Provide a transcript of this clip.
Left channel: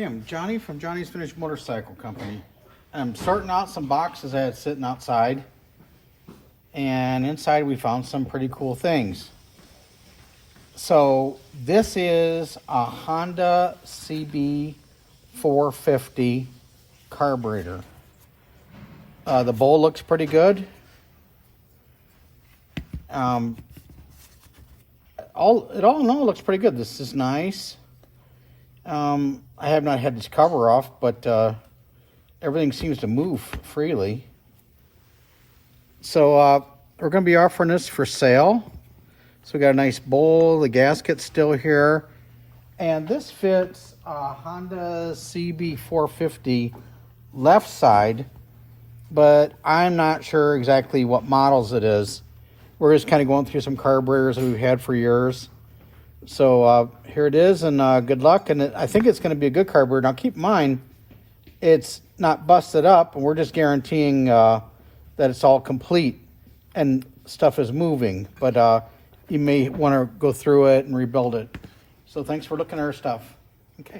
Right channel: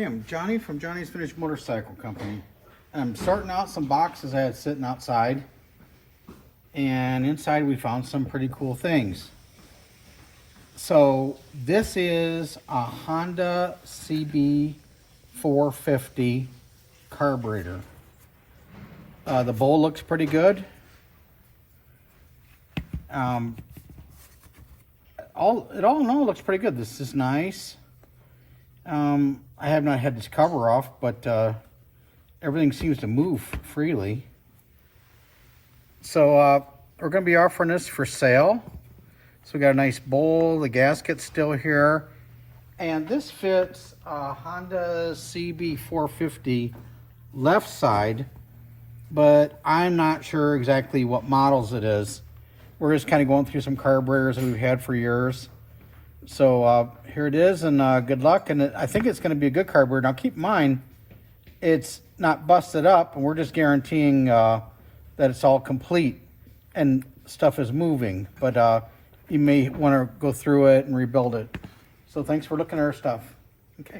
Okay, I'm Johnny from Johnny's Finished Motorcycle Company. I'm sorting out some boxes I had sitting outside. And inside we found some pretty cool things. So this is a Honda CB450 carburetor. The bowl looks pretty good. All in all, looks pretty good. This is nice. I have not had this cover off, but everything seems to move freely. So we're going to be offering this for sale. So we got a nice bowl. The gasket's still here. And this fits a Honda CB450 left side, but I'm not sure exactly what models it is. We're just kind of going through some carburetors that we've had for years. So here it is, and good luck. And I think it's going to be a good carburetor. Now keep in mind, it's not busted up, and we're just guaranteeing that it's all complete and stuff is moving. But you may want to go through it and rebuild it. So thanks for looking at our stuff. Okay.